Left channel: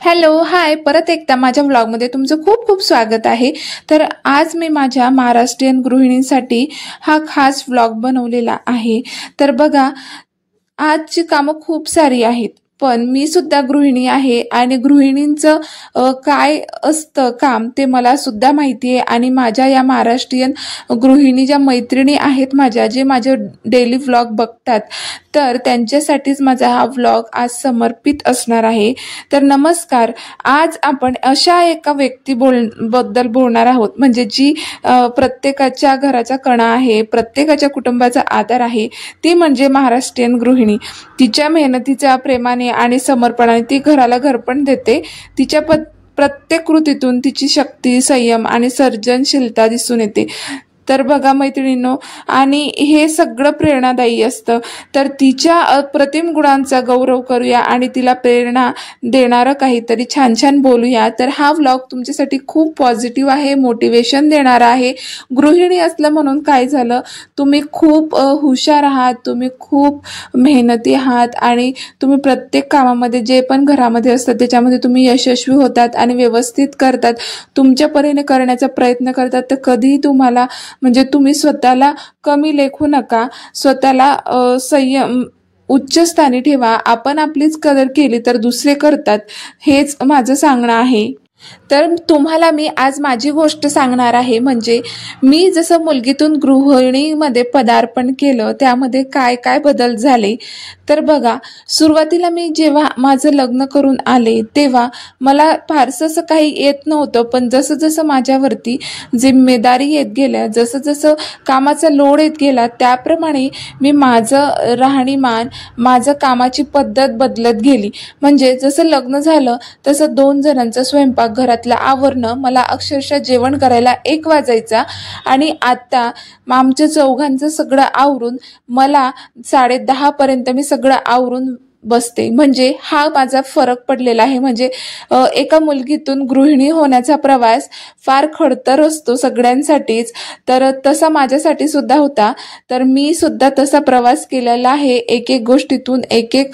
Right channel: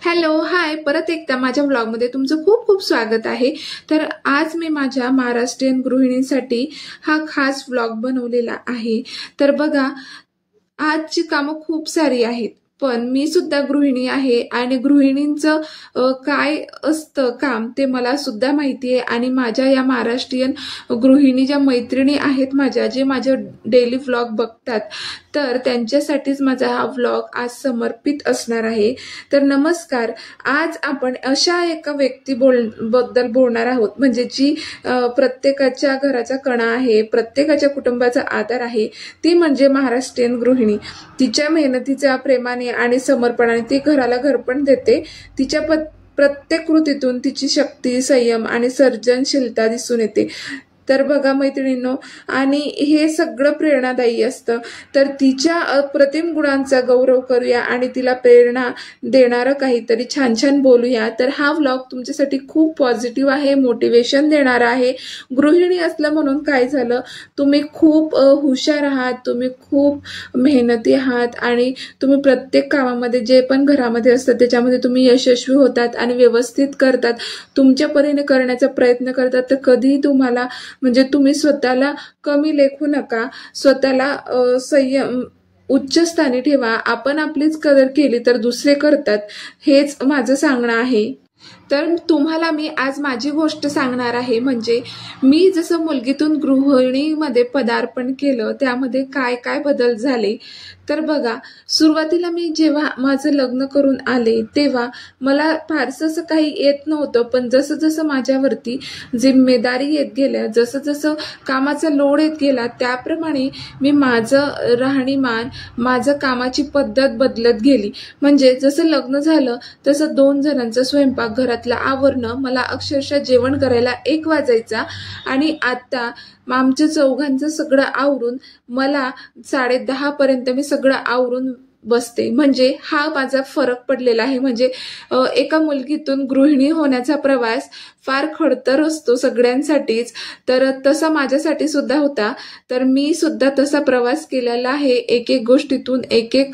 Hello, हाय. परत एकदा माझ्या व्लॉगमध्ये तुमचं खूप खूप स्वागत आहे. तर आज मी माझ्या महाराष्ट्रीयन गृहिणींसाठी हा खास व्लॉग बनवलेला आहे. तर बघा, आजची कामं खूप सारी आहेत, पण मी सुद्धा गृहिणी आहे आणि गृहिणींचं काय असतं काम ते मला सुद्धा माहिती आहे. आणि माझ्या या महाराष्ट्रीयन गृहिणी ज्या मैत्रिणी आहेत माझ्या, जे माझे डेली व्लॉग बघतात, तर त्यांच्यासाठीच माझा हा व्लॉग आज समर्पित असणार आहे. तर नमस्कार. आज आपण अशा एका बद्दल बोलणार आहोत, म्हणजे जी प्रत्येकाच्या घराचा कणा आहे, प्रत्येकाच्या कुटुंबाचा आधार आहे, ती म्हणजे महाराष्ट्रीयन गृहिणी. तिच्या मेहनतीच्या प्रेमाने आणि समर्पणाने ती घराला घरपण देते. तिच्या प्रत्येक कृतीतून तिची शक्ती, संयम आणि सर्जनशीलता दिसून येते. तर बघा मैत्रिणींनो, आणि हे सगळं प्रेरणादायी असतं. तर तिच्या अप्रतिम गुणांचा गौरव करूया आणि तिला प्रेरणा देणारं काहीतरी छान छान बोलूया. तर हा व्लॉग तुमच्यासाठी खूप पॉझिटिव्ह आहे, मोटिवेशन देणारा आहे. गृहिणी असलं म्हणून काय झालं, तुम्ही खूप हुशार आहात, तुम्ही खूप मेहनती आहात आणि तुम्ही प्रत्येक कामामध्ये जे पण घरामध्ये असतं त्याच्यामध्ये तुम्ही यशस्वी होतात आणि व्यवस्थित करतात, तुमच्या परीने करण्याचा प्रयत्न करतात. तर कधीही तुम्हाला म्हणजे तुम्ही स्वतःला कमी लेखू नका, स्वतःला संयम उच्च स्थानी ठेवा. आपण आपलीच कदर केली तर दुसरे करतात, हेच माझं सांगणं आहे. तर तुम्हाला मी आज माझी गोष्ट सांगणार आहे. म्हणजे मी जसं मुलगीतून गृहिणीमध्ये पदार्पण केलं, त्यामध्ये काय काय बदल झाले. तर बघा, सुरुवातीला मी जेव्हा माझं लग्न करून आले तेव्हा मला फारसं असं काही येत नव्हतं, पण जसं जसं माझ्यावरती जिम्मेदारी येत गेल्या, जसं जसं कामाचा लोड येत गेला, त्याप्रमाणे मी माझं राहणीमान, माझं कामाची पद्धत बदलत गेली. म्हणजे जसं लग्न झालं तसं 2 जणांचा स्वयंपाक घरातलं आवरणं, मला अक्षरशः जेवण करायला 1 वाजायचा. आणि आता आमच्या चौघांचं सगळं आवरून मला 10:30 पर्यंत मी सगळं आवरून बसते. म्हणजे हा माझा फरक पडलेला आहे. म्हणजे एका मुलगीतून गृहिणी होण्याचा प्रवास फार खडतर असतो सगळ्यांसाठीच, तर तसा माझ्यासाठी सुद्धा होता. तर मी सुद्धा तसा प्रवास केलेला आहे, एक एक गोष्टीतून एक एक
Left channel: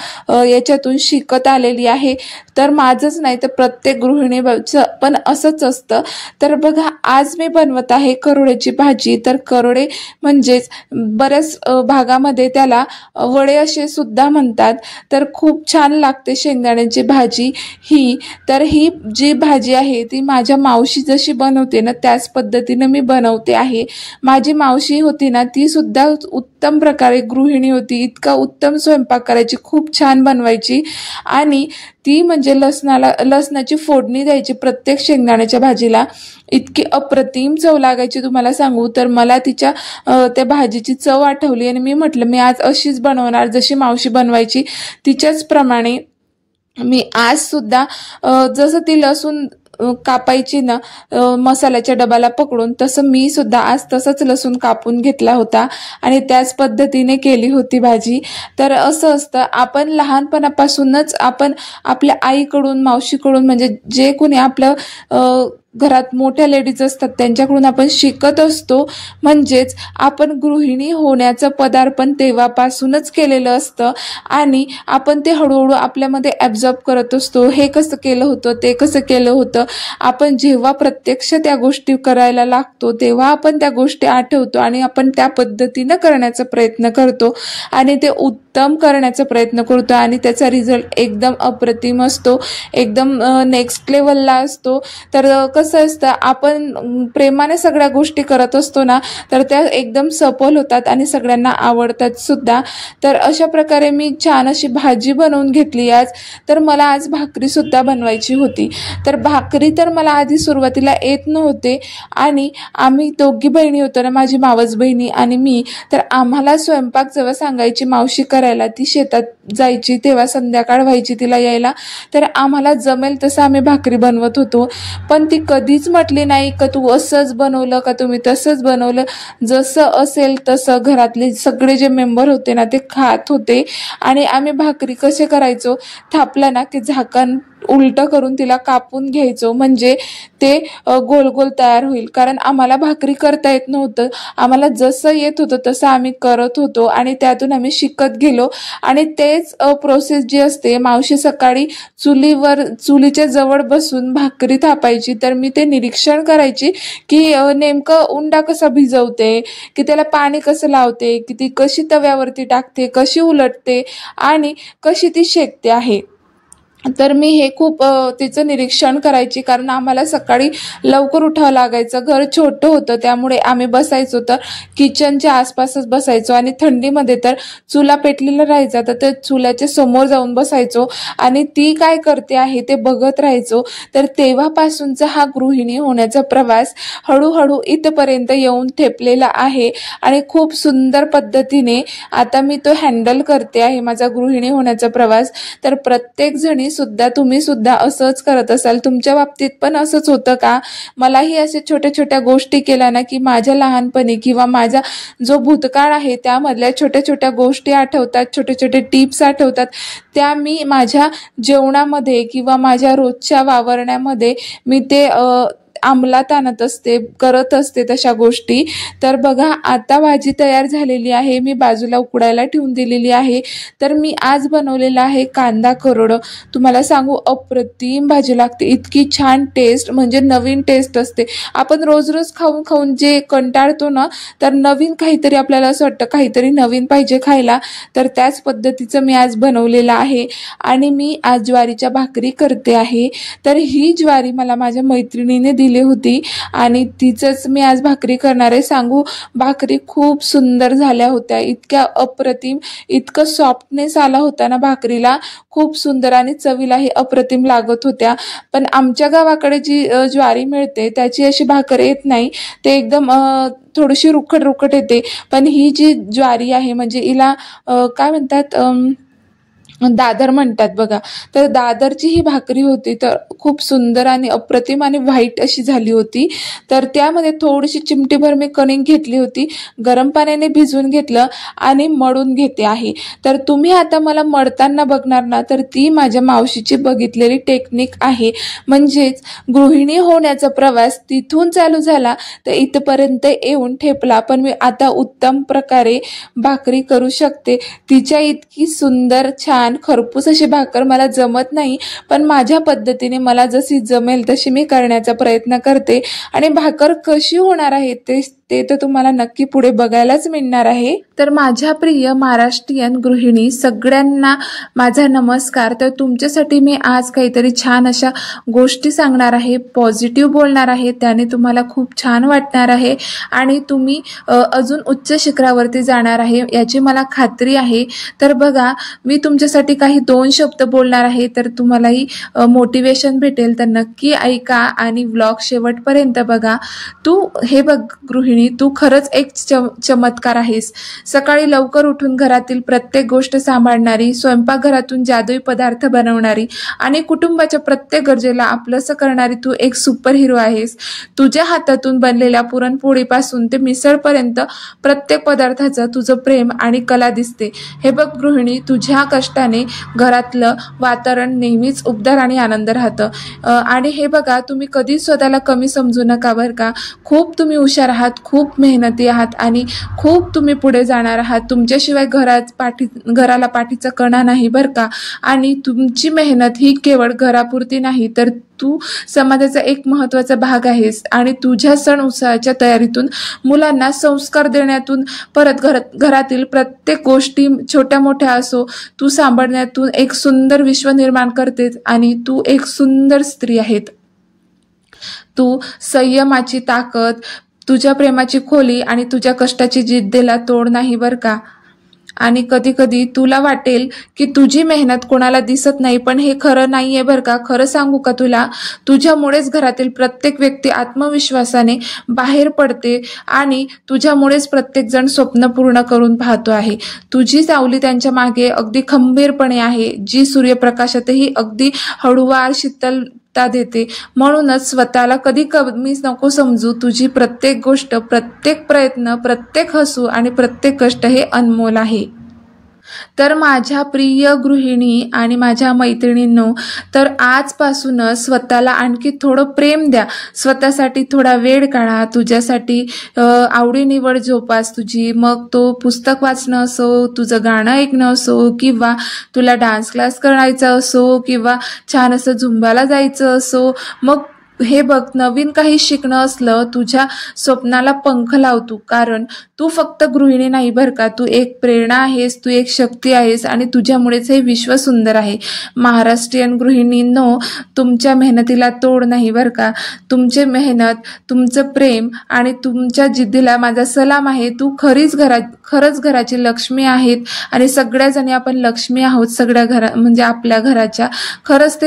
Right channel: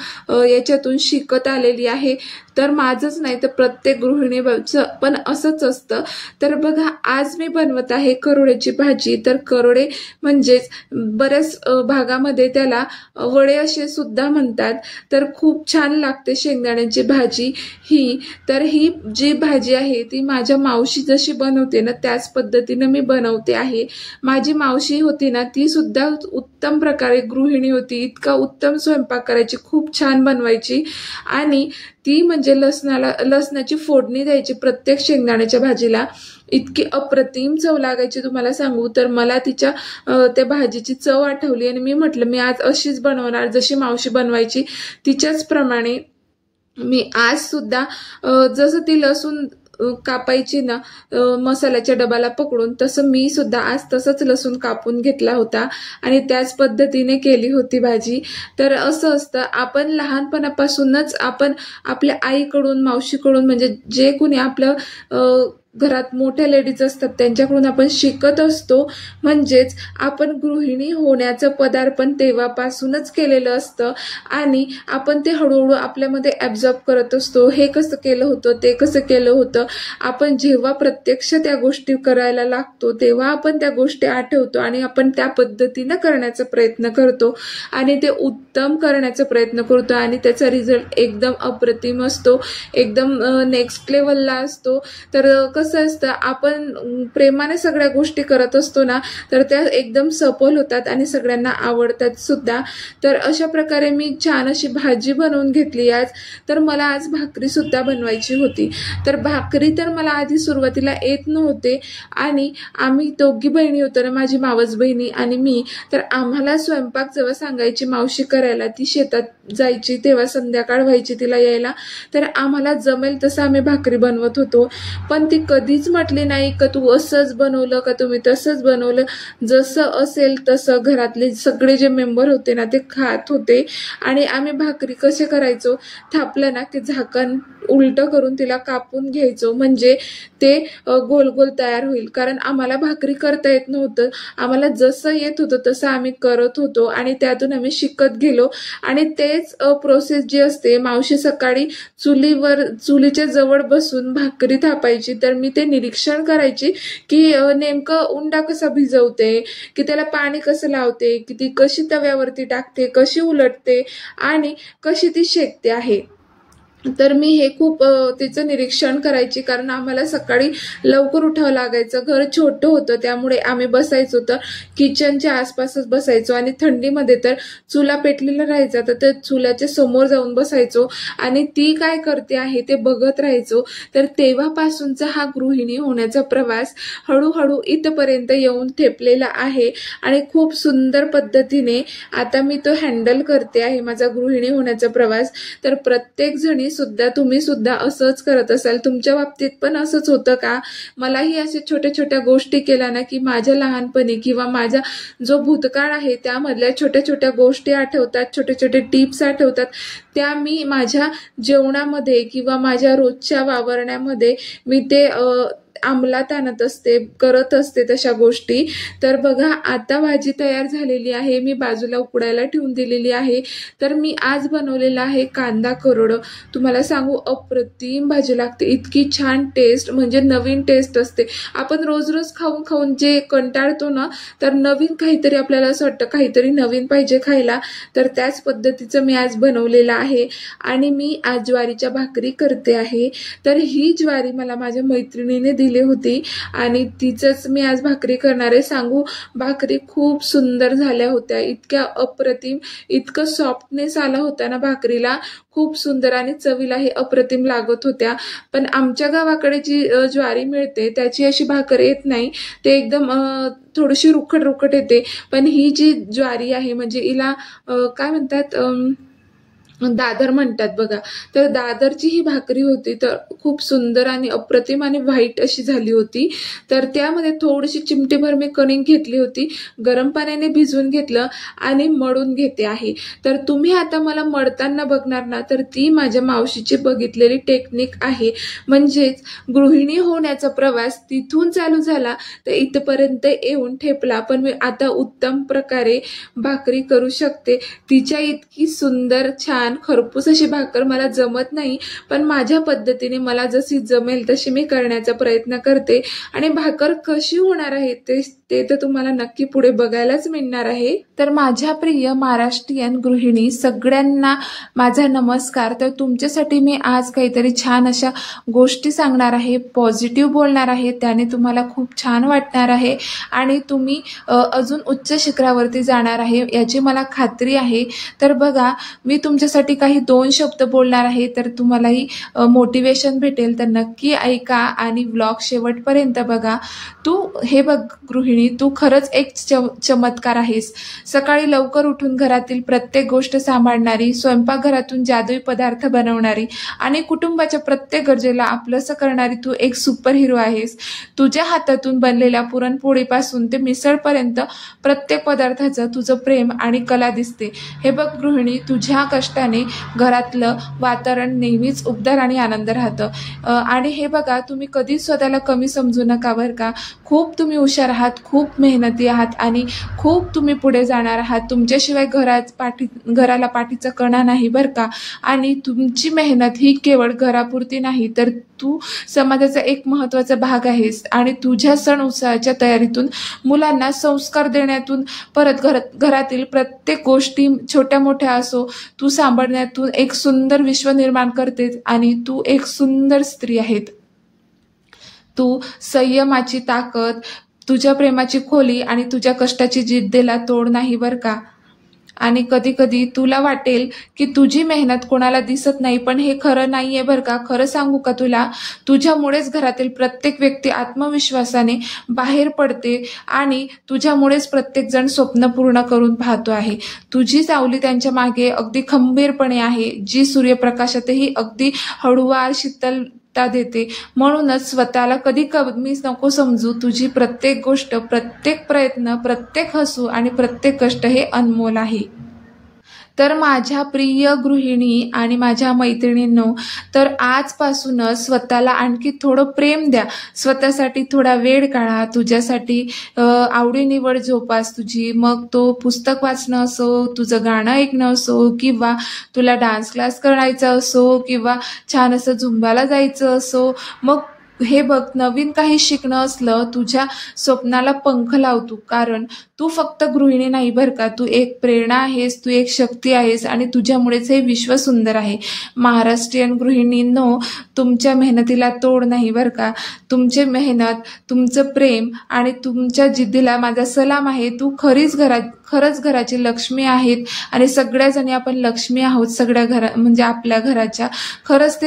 याच्यातून शिकत आलेली आहे. तर माझंच नाही तर प्रत्येक गृहिणीचं पण असंच असतं. तर बघा, आज मी बनवत आहे करोड्याची भाजी. तर करोडे म्हणजेच बऱ्याच भागामध्ये त्याला वडे असे सुद्धा म्हणतात. तर खूप छान लागते शेंगदाण्याची भाजी ही. तर ही जी भाजी आहे ती माझ्या मावशी जशी बनवते ना, त्याच पद्धतीने मी बनवते आहे. माझी मावशी होती ना, ती सुद्धा उत्तम प्रकारे गृहिणी होती. इतका उत्तम स्वयंपाक करायची, खूप छान बनवायची. आणि ती म्हणजे लसणाची फोडणी द्यायची प्रत्येक शेंगदाण्याच्या भाजीला. इतकी अप्रतिम चव लागायची, तुम्हाला सांगू. तर मला तिच्या त्या भाजीची चव आठवली आणि मी म्हटलं मी आज अशीच बनवणार, जशी मावशी बनवायची तिच्याच प्रमाणे. मी आज सुद्धा जसं ती लसूण कापायची ना मसाल्याच्या डब्याला पकडून, तसं मी सुद्धा आज तसंच लसूण कापून घेतला होता आणि त्याच पद्धतीने केली होती भाजी. तर असं असतं, आपण लहानपणापासूनच आपण आपल्या आईकडून, मावशीकडून, म्हणजे जे कोणी आपलं घरात मोठ्या लेडीज असतात त्यांच्याकडून आपण शिकत असतो. म्हणजेच आपण गृहिणी होण्याचं पदार्पण तेव्हापासूनच केलेलं असतं आणि आपण ते हळूहळू आपल्यामध्ये ॲब्झॉर्ब करत असतो. हे कसं केलं होतं, ते कसं केलं होतं. आपण जेव्हा प्रत्यक्ष त्या गोष्टी करायला लागतो तेव्हा आपण त्या गोष्टी आठवतो आणि आपण त्या पद्धतीनं करण्याचा प्रयत्न करतो आणि ते उत्तम करण्याचा प्रयत्न करतो आणि त्याचा रिझल्ट एकदम अप्रतिम असतो, एकदम नेक्स्ट लेवलला असतो. तर कसं असतं, आपण प्रेमाने सगळ्या गोष्टी करत असतो ना, तर त्या एकदम सफल होतात आणि सगळ्यांना आवडतात सुद्धा. तर अशा प्रकारे मी छान अशी भाजी बनवून घेतली आज. तर मला आज भाकरी सुद्धा बनवायची होती. तर भाकरी तर मला आधी सुरुवातीला येत नव्हते आणि आम्ही दोघी बहिणी होतो ना, माझी मावस बहिणी आणि मी. तर आम्हाला स्वयंपाक जेव्हा सांगायची मावशी करायला, ती शेतात जायची तेव्हा संध्याकाळ व्हायची तिला यायला, तर आम्हाला जमेल तसं आम्ही भाकरी बनवत होतो. पण ती कधीच म्हटली नाही का तू असंच बनवलं का तुम्ही तसंच बनवलं. जसं असेल तसं घरातले सगळे जे मेंबर होते ना ते खात होते. आणि आम्ही भाकरी कसे करायचो, थापला ना की झाकण उलटं करून तिला कापून घ्यायचो, म्हणजे ते गोल गोल तयार होईल. कारण आम्हाला भाकरी करता येत नव्हतं, आम्हाला जसं येत होतं तसं आम्ही करत होतो आणि त्यातून आम्ही शिकत गेलो आणि ते तेच प्रोसेस जी असते, मावशी सकाळी चुलीच्या जवळ बसून भाकरी थापायची, तर मी ते निरीक्षण करायची की नेमकं उंडा कसा भिजवते, की त्याला पाणी कसं लावते, की ती कशी तव्यावरती टाकते, कशी उलटते आणि कशी ती शेकते आहे. तर मी हे खूप तिचं निरीक्षण करायची, कारण आम्हाला सकाळी लवकर उठावं लागायचं. घर छोटं होतं, त्यामुळे आम्ही बसायचो तर किचनच्या आसपासच बसायचो आणि थंडीमध्ये तर चुला पेटलेला राहायचा, तर ते चुल्याच्या समोर जाऊन बसायचो आणि ती काय करते आहे ते बघत राहायचो. तर तेव्हापासूनचा हा गृहिणी होण्याचा प्रवास हळूहळू इथपर्यंत येऊन ठेपलेला आहे आणि खूप सुंदर पद्धतीने आता मी तो हँडल करते आहे, माझा गृहिणी होण्याचा प्रवास. तर प्रत्येक जणी सुद्धा, तुम्ही सुद्धा असंच करत असाल, तुमच्या बाबतीत पण असंच होतं का? मलाही असे छोट्या छोट्या गोष्टी केल्या ना की माझ्या लहानपणी किंवा माझा जो भूतकाळ आहे त्यामधल्या छोट्या छोट्या गोष्टी आठवतात, छोटे छोटे टिप्स आठवतात, त्या मी माझ्या जेवणामध्ये किंवा माझ्या रोजच्या वावरण्यामध्ये मी ते अंमलात आणत असते, करत असते तशा गोष्टी. तर बघा, आता भाजी तयार झालेली आहे, मी बाजूला उकडायला ठेवून दिलेली आहे. तर मी आज बनवलेला आहे कांदा करोड. तुम्हाला सांगू, अप्रतिम भाजी लागते, इतकी छान टेस्ट, म्हणजे नवीन टेस्ट असते. आपण रोज रोज खाऊन खाऊन जे कंटाळतो ना, तर नवीन काहीतरी आपल्याला असं वाटतं काहीतरी नवीन पाहिजे खायला, तर त्याच पद्धतीचं मी आज बनवलेलं आहे. आणि मी आज ज्वारीच्या भाकरी करते आहे. तर ही ज्वारी मला माझ्या मैत्रिणीने दिली होती आणि तिचंच मी आज भाकरी करणार आहे. सांगू, भाकरी खूप सुंदर झाल्या होत्या, इतक्या अप्रतिम, इतकं सॉफ्टनेस आला होता ना भाकरीला, खूप सुंदर आणि चवीलाही अप्रतिम लागत होत्या. पण आमच्या गावाकडे जी ज्वारी मिळते त्याची अशी भाकर येत नाही, ते एकदम थोडीशी रुखट रुखट येते. पण ही जी ज्वारी आहे म्हणजे हिला काय म्हणतात, दादर म्हणतात बघा. तर दादरची ही भाकरी होती, तर खूप सुंदर आणि अप्रतिम आणि व्हाईट अशी झाली होती. तर त्यामध्ये थोडीशी चिमटीभर मी कणिक घेतली होती, गरम पाण्याने भिजवून घेतलं आणि मळून घेते आहे. तर तुम्ही आता मला मळताना बघणार ना, तर ती माझ्या मावशीची बघितलेली टेक्निक आहे. म्हणजेच गृहिणी होण्याचा प्रवास तिथून चालू झाला तर इथपर्यंत येऊन ठेपला, पण मी आता उत्तम प्रकारे भाकरी करू शकते. तिच्या इतकी सुंदर, छान, खरपूस अशी भाकर मला जमत नाही, पण माझ्या पद्धतीने मला जशी जमेल तशी मी करण्याचा प्रयत्न करते. आणि भाकर कशी होणार आहे ते तर तुम्हाला नक्की पुढे बघायलाच मिळणार आहे. तर माझ्या प्रिय महाराष्ट्रीयन गृहिणी सगळ्यांना माझा नमस्कार. तर तुमच्यासाठी मी आज काहीतरी छान अशा गोष्टी सांगणार आहे, पॉझिटिव्ह बोलणार आहे, त्याने तुम्हाला खूप छान वाटणार आहे आणि तुम्ही अजून उच्च शिखरावरती जाणार आहे याची मला खात्री आहे. तर बघा, मी तुमच्यासाठी काही 2 शब्द बोलणार आहे, तर तुम्हालाही मोटिवेशन भेटेल. तर नक्की ऐका आणि व्लॉग शेवटपर्यंत बघा. हे बघ गृहिणी, तू खरंच एक चमत्कार आहेस. सकाळी लवकर उठून घरातील प्रत्येक गोष्ट सांभाळणारी, स्वयंपाकघरातून जादुई पदार्थ बनवणारी आणि कुटुंबाच्या प्रत्येक गरजेला आपलंसं करणारी तू एक सुपर हिरो आहेस. तुझ्या हातातून बनलेल्या पुरणपोळीपासून ते मिसळपर्यंत प्रत्येक पदार्थाचं तुझं प्रेम आणि कला दिसते. हे बघ गृहिणी, तुझ्या कष्टाने घरातलं वातावरण नेहमीच उबदार आणि आनंद राहतं. आणि हे बघा, तुम्ही कधीच स्वतःला कमी समजू नका बरं का. खूप तुम्ही हुशार आहात, खूप मेहनती आहात आणि खूप तुम्ही पुढे जाणार आहात. तुमच्याशिवाय घराला पाठीचा कणा नाही बरं का. आणि तुमची मेहनत ही केवळ घरापुरती नाही, तर तू समाजाचा एक महत्त्वाचा भाग आहेस. आणि तुझ्या सण उत्सवाच्या तयारीतून, मुलांना संस्कार देण्यातून, परत घरातील प्रत्येक गोष्टी छोट्या मोठ्या असो तू सांभाळण्यातून एक सुंदर विश्व निर्माण करतेस आणि तू एक सुंदर स्त्री आहेस. तू संयमाची ताकद, तुझ्या प्रेमाची खोली आणि तुझ्या कष्टाची जिद्दीला तोड नाही बरं का. आणि कधी कधी तुला वाटेल की तुझी मेहनत कोणाला दिसत नाही, पण हे खरं नाहीये बरं का. खरं सांगू का तुला, तुझ्यामुळेच घरातील प्रत्येक व्यक्ती आत्मविश्वासाने बाहेर पडते आणि तुझ्यामुळेच प्रत्येक जण स्वप्न पूर्ण करून पाहतो आहे. तुझी सावली त्यांच्या मागे अगदी खंबीरपणे आहे, जी सूर्यप्रकाशातही अगदी हळूवार शीतलता देते. म्हणूनच स्वतःला कधी कमी नको समजू. तुझी प्रत्येक गोष्ट, प्रत्येक प्रयत्न, प्रत्येक हसू आणि प्रत्येक कष्ट हे अनमोल आहे. तर माझ्या प्रिय गृहिणी आणि माझ्या मैत्रिणींनो, तर आजपासूनच स्वतःला आणखी थोडं प्रेम द्या, स्वतःसाठी थोडा वेळ काढा, तुझ्यासाठी आवडीनिवड जोपास तुझी, मग तो पुस्तक वाचणं असो, तुझं गाणं ऐकणं असो, किंवा तुला डान्स क्लास करायचा असो, किंवा छान असं झुंबाला जायचं असो, मग हे बघ, नवीन काही शिकणं असलं, तुझ्या स्वप्नाला पंख लावतो, कारण तू फक्त गृहिणी नाही बरं का, तू एक प्रेरणा आहेस, तू एक शक्ती आहेस आणि तुझ्यामुळेच हे विश्व सुंदर आहे. महाराष्ट्रीयन गृहिणींनो, तुमच्या मेहनतीला तोड नाही बरं का, तुमची मेहनत, तुमचं प्रेम आणि तुमच्या जिद्दीला माझा सलाम आहे. तू खरंच घराची लक्ष्मी आहेत आणि सगळ्या जणी आपण लक्ष्मी आहोत, सगळ्या म्हणजे आपल्या घराच्या. खरंच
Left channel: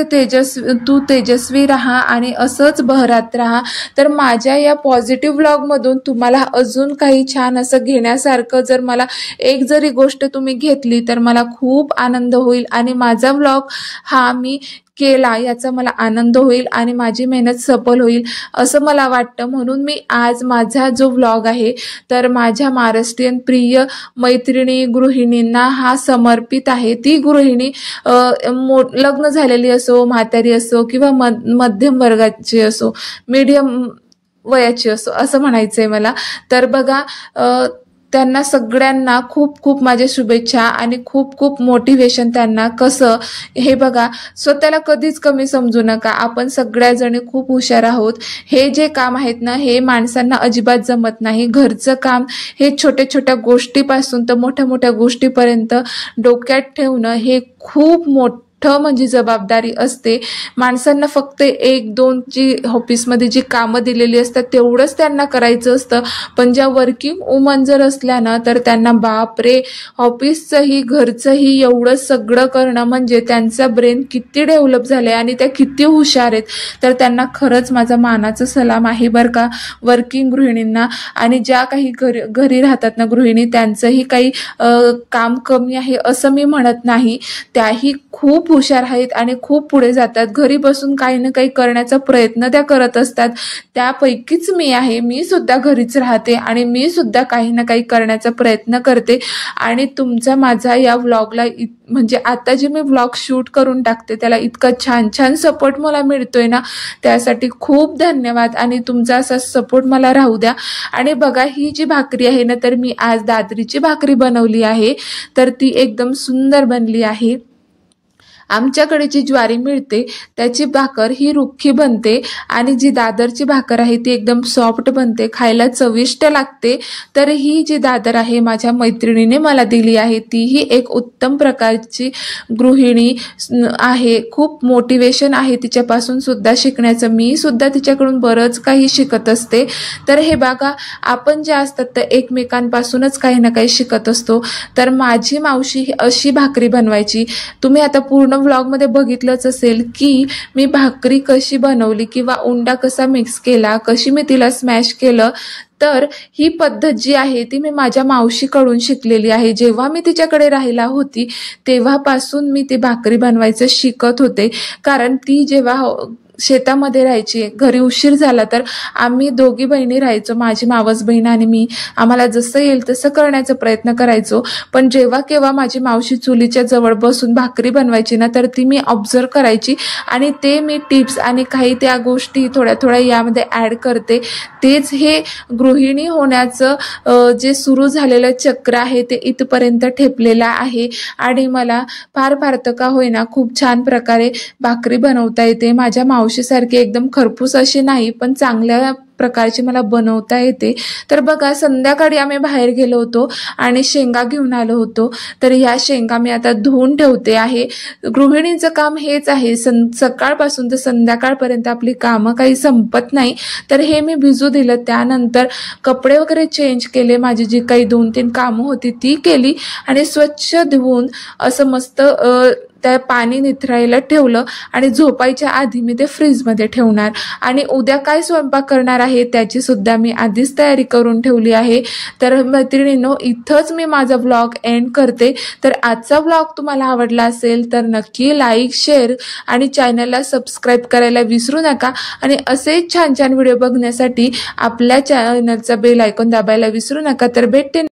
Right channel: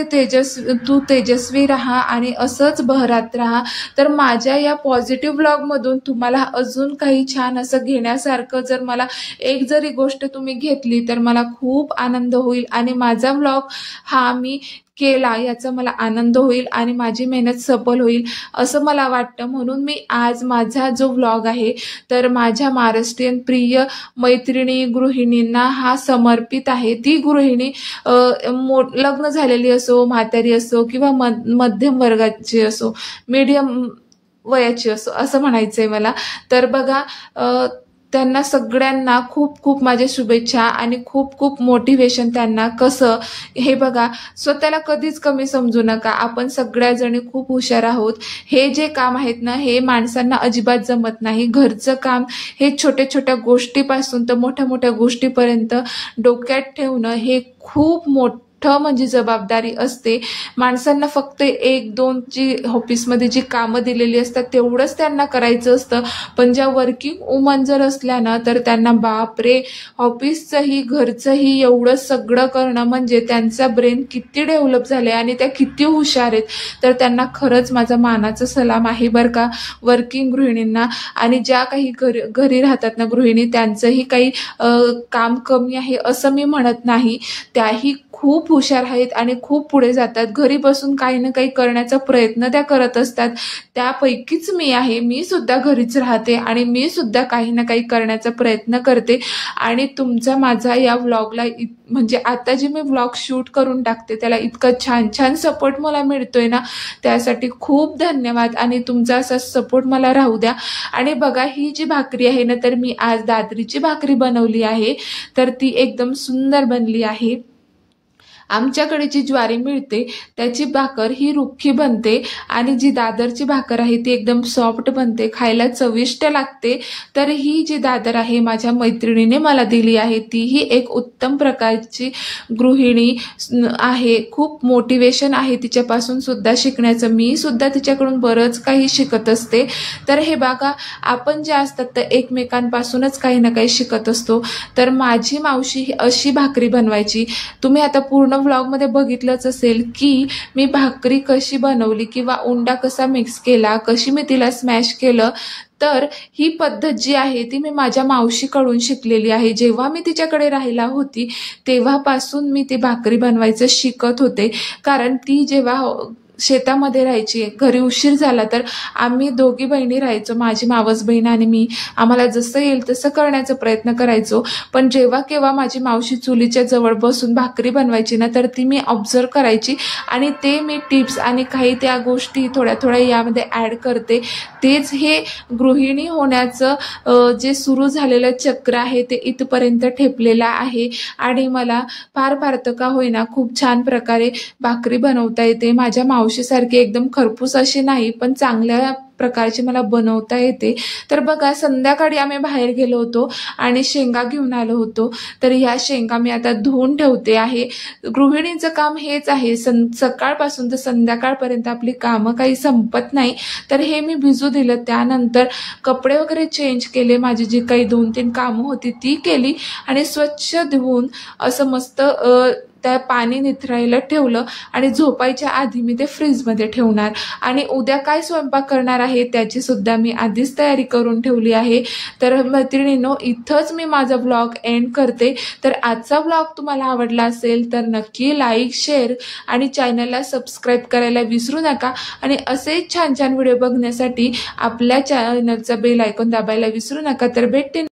तू तेजस्वी राहा आणि असंच बहरात राहा. तर माझ्या या पॉझिटिव्ह व्लॉगमधून तुम्हाला अजून काही छान असं घेण्यासारखं जर मला एक जरी गोष्ट तुम्ही घेतली तर मला खूप आनंद होईल आणि माझा व्लॉग हा मी केला याचा मला आनंद होईल आणि माझी मेहनत सफल होईल असं मला वाटतं. म्हणून मी आज माझा जो व्लॉग आहे तर माझ्या महाराष्ट्रीयन प्रिय मैत्रिणी गृहिणींना हा समर्पित आहे. ती गृहिणी लग्न झालेली असो, म्हातारी असो किंवा मध्यम वर्गाची असो, मीडियम वयाची असो असं म्हणायचंय मला. तर बघा, त्यांना सगळ्यांना खूप खूप माझ्या शुभेच्छा आणि खूप खूप मोटिवेशन त्यांना. कसं हे बघा, स्वतःला कधीच कमी समजू नका, आपण सगळ्याजणी खूप हुशार आहोत. हे जे काम आहेत ना, हे माणसांना अजिबात जमत नाही. घरचं काम हे छोट्या छोट्या गोष्टीपासून तर मोठ्या मोठ्या गोष्टीपर्यंत डोक्यात ठेवणं हे खूप म्हणजे जबाबदारी असते. माणसांना फक्त 1-2 जी ऑफिसमध्ये जी कामं दिलेली असतात तेवढंच त्यांना करायचं असतं. पण ज्या वर्किंग वुमन जर असल्या ना, तर त्यांना बापरे, ऑफिसचंही घरचंही एवढं सगळं करणं म्हणजे त्यांचा ब्रेन किती डेव्हलप झाले आणि त्या किती हुशार आहेत. तर त्यांना खरंच माझा मानाचा सलाम आहे बरं का, वर्किंग गृहिणींना. आणि ज्या काही घरी राहतात ना गृहिणी, त्यांचंही काही काम कमी आहे असं मी म्हणत नाही. त्याही खूप हुशार आहेत आणि खूप पुढे जातात. घरी बसून काही ना काही करण्याचा प्रयत्न त्या करत असतात. त्यापैकीच मी आहे. मी सुद्धा घरीच राहते आणि मी सुद्धा काही ना काही करण्याचा प्रयत्न करते. आणि तुमचा माझा या व्लॉगला म्हणजे आता जे मी व्लॉग शूट करून टाकते त्याला इतका छान छान सपोर्ट मला मिळतोय ना, त्यासाठी खूप धन्यवाद आणि तुमचा असा सपोर्ट मला राहू द्या. आणि बघा, ही जी भाकरी आहे ना, तर मी आज दादरीची भाकरी बनवली आहे. तर ती एकदम सुंदर बनली आहे. आमच्याकडे जी ज्वारी मिळते त्याची भाकर ही रुखी बनते आणि जी दादरची भाकर आहे ती एकदम सॉफ्ट बनते, खायला चविष्ट लागते. तर ही जी दादर आहे माझ्या मैत्रिणीने मला दिली आहे, तीही एक उत्तम प्रकारची गृहिणी आहे. खूप मोटिवेशन आहे तिच्यापासून सुद्धा शिकण्याचं. मी सुद्धा तिच्याकडून बरंच काही शिकत असते. तर हे बघा, आपण जे असतात तर एकमेकांपासूनच काही ना काही शिकत असतो. तर माझी मावशी ही अशी भाकरी बनवायची. तुम्ही आता पूर्ण व्लॉग मध्ये बघितलंच असेल की मी भाकरी कशी बनवली किंवा उंडा कसा मिक्स केला, कशी मी तिला स्मॅश केलं. तर ही पद्धत जी आहे ती मी माझ्या मावशीकडून शिकलेली आहे. जेव्हा मी तिच्याकडे राहिला होती तेव्हापासून मी ती भाकरी बनवायचं शिकत होते. कारण ती जेव्हा शेतामध्ये राहायची, घरी उशीर झाला तर आम्ही दोघी बहिणी राहायचो, माझी मावस बहीण आणि मी. आम्हाला जसं येईल तसं करण्याचा प्रयत्न करायचो. पण जेव्हा केव्हा माझी मावशी चुलीच्या जवळ बसून भाकरी बनवायची ना, तर ती मी ऑब्झर्व करायची आणि ते मी टिप्स आणि काही त्या गोष्टी थोड्या थोड्या यामध्ये ॲड करते. तेच हे गृहिणी होण्याचं जे सुरू झालेलं चक्र आहे ते इथपर्यंत ठेपलेलं आहे. आणि मला फार फार का होईना खूप छान प्रकारे भाकरी बनवता येते. माझ्या मावशीसारखी एकदम खरपूस अशी नाही, पण चांगल्या प्रकारची मला बनवता येते. तर बघा, संध्याकाळी आम्ही बाहेर गेलो होतो आणि शेंगा घेऊन आलो होतो. तर ह्या शेंगा मी आता धुवून ठेवते आहे. गृहिणीचं काम हेच आहे, सकाळपासून तर संध्याकाळपर्यंत आपली कामं काही संपत नाही. तर हे मी भिजू दिलं. त्यानंतर कपडे वगैरे चेंज केले, माझी जी काही 2-3 कामं होती ती केली आणि स्वच्छ धुवून असं मस्त त्या पाणी निथरायला ठेवलं आणि झोपायच्या आधी मी ते फ्रीजमध्ये ठेवणार. आणि उद्या काय स्वयंपाक करणार आहे त्याची सुद्धा मी आधीच तयारी करून ठेवली आहे. तर मैत्रिणींनो, इथंच मी माझा व्लॉग एंड करते. तर आजचा व्लॉग तुम्हाला आवडला असेल तर नक्की लाईक, शेअर आणि चॅनलला सबस्क्राईब करायला विसरू नका. आणि असेच छान छान व्हिडिओ बघण्यासाठी आपल्या चॅनलचा बेल आयकॉन दाबायला विसरू नका. तर भेटते